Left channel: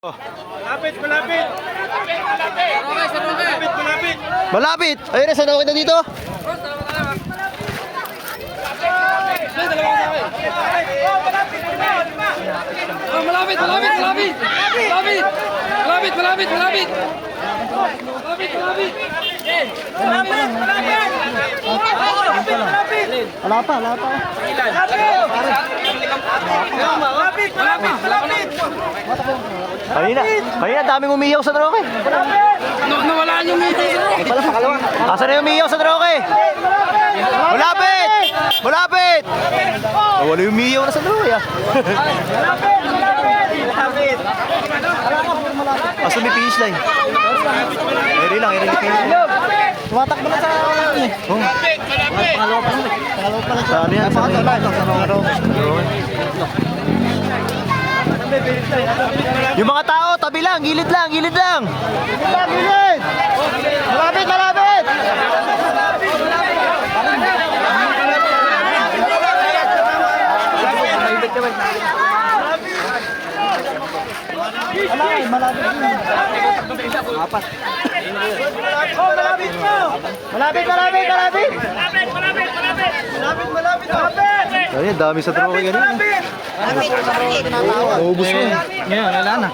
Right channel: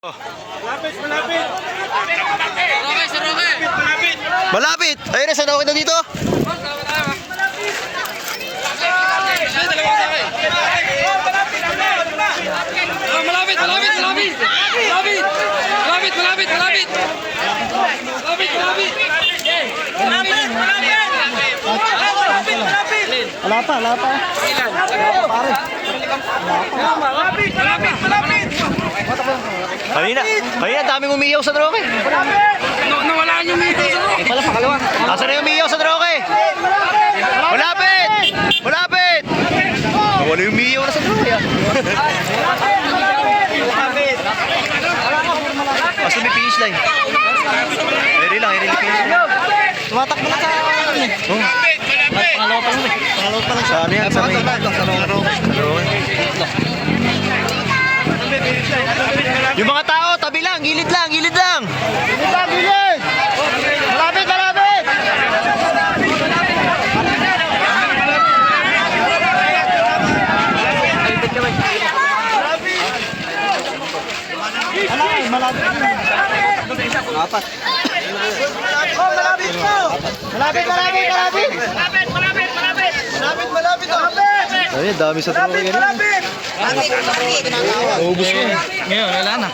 Malapit, malapit. Malapit! Ayun na, sanawin na dito. Malapit, malapit, malapit. Malapit. Malapit, malapit, malapit. Malapit, malapit. Wala pa, wala pa. Malapit, malapit, malapit. Kanina daming umiyaw sa droke. Nawala yung Asa na yung umiyaw sa droke? Malapit! Malapit! Nawala yung umiyaw na sa droke ah. Asa may finish line? Eri lang finish line. Tumatakbo na sa ano eh. Oh. Pangalaw pa lang. Sa ano yan? Sa may droke. Yung mga tao, tabi lang, gilid lang, gilid lang. Gilid lang, gilid. Malapit, malapit. Alay, malapit. Apat. Oh, malapit po. Malapit, malapit, malapit. Malapit, malapit, malapit. Malapit, malapit, malapit. Ayun, dami sa tropa ganun. Malapit, malapit. Ubus na. Ngayon, wala na.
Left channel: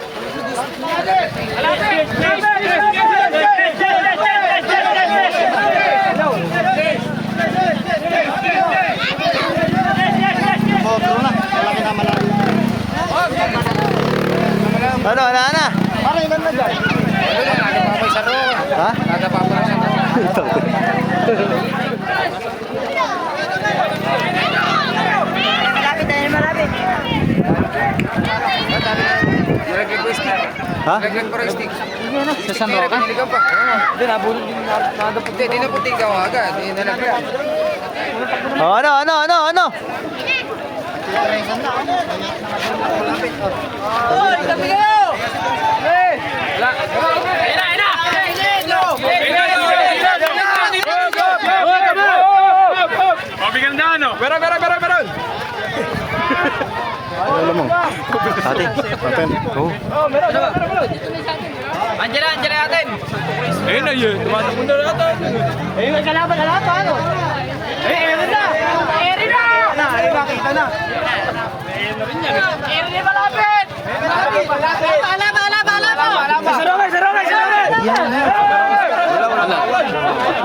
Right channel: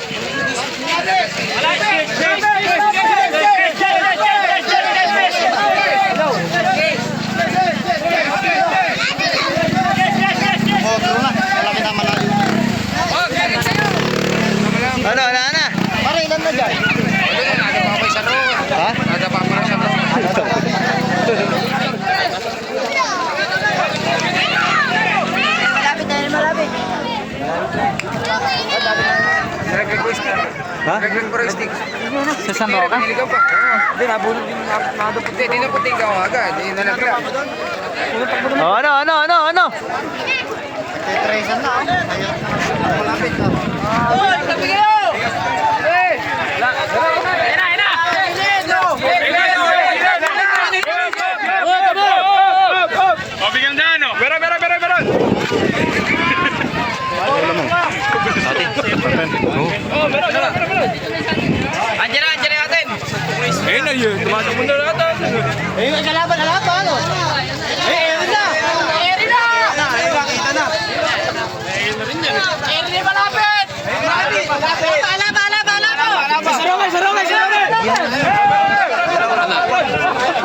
Oh, turo na. Malaki na malalim. Ano, na? Parang ilan na dyan? Ha? Malapit tayo, malapit. Ha? Sa San Roque? Hindi, nabulog din mga puti. Hindi na puti ka agad. Hindi na lang. Oh, ano? Mabigyan na, no? Meron! Sa atin. Oh. Oh, meron! Angela natin. Ayun na yun. Mundo natin. Ayun, kalaban na pa, ano? Ayun na! Ayun na! Nakita na.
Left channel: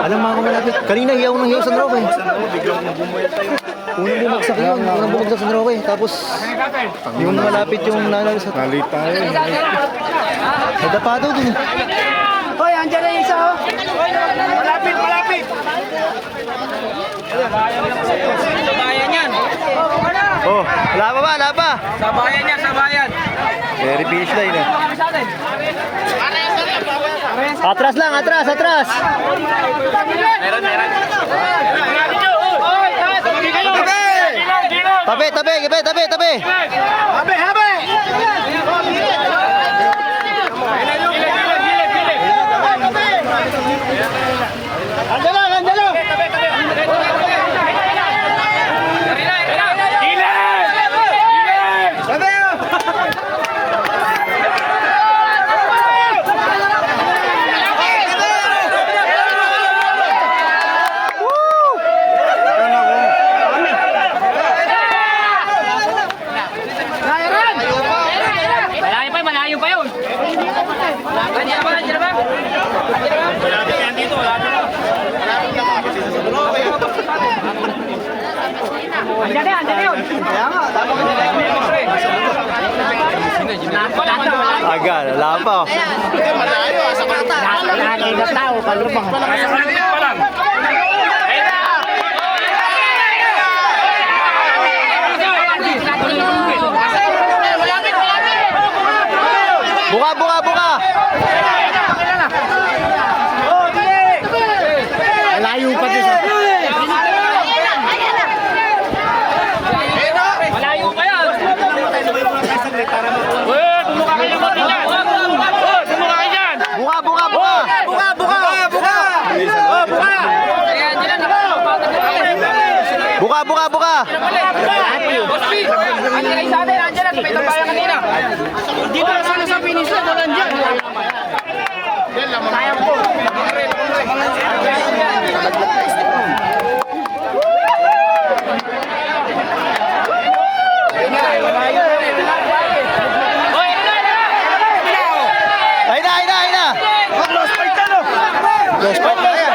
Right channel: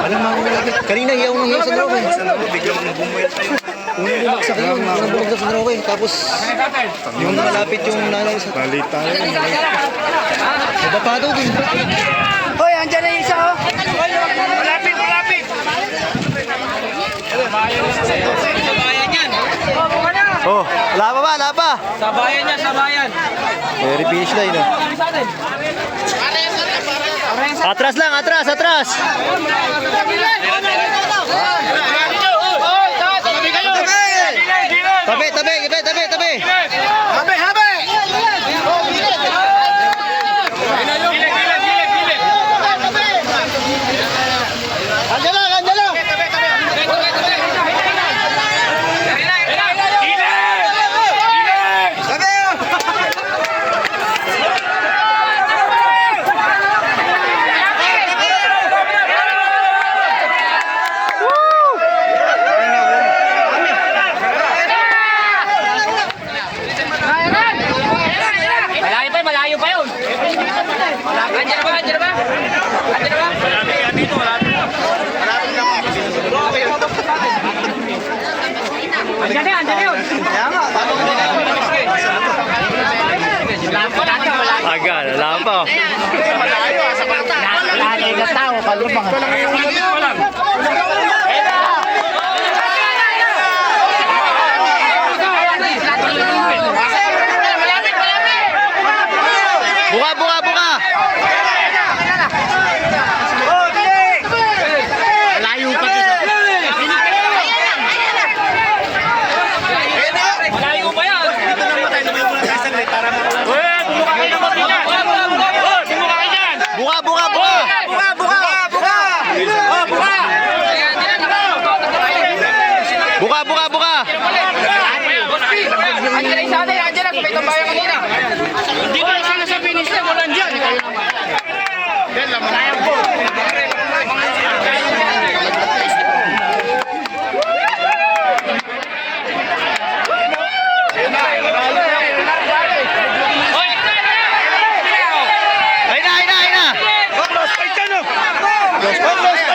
Alam mo ako malapit. Kanina hiyaw ng hiyaw sa droga eh. Unang bumagsak yun. Unang bumagsak sa droga eh. Tapos yung malapit yung nalang sa... Nalita na yun. Nadapa daw dun. Hoy, andyan na yung isa, oh. Malapit, malapit. Sa bayan yan. Oh, wala pa. Sa bayan yan, sa bayan. Very finish line ah. Atras lang, atras. Tabi. Habe! Andyan lang! Malayo pa yun. Andiyan ba? Malapit yan dito, malapit na. Malapit na. Kaya nga, dapat Aga, wala pa. Malayo, sa bata. Lahat ng tao, kalubang. Buka! Malayo pa din. Malayo pa yan. Bumuka kayo naman din yan. Bumuka kayo dyan. Buka! Buka! Boss P, andyan na isa atin, andyan na. Sa may bayan kanina. Dito na sa finish. Yes, pa.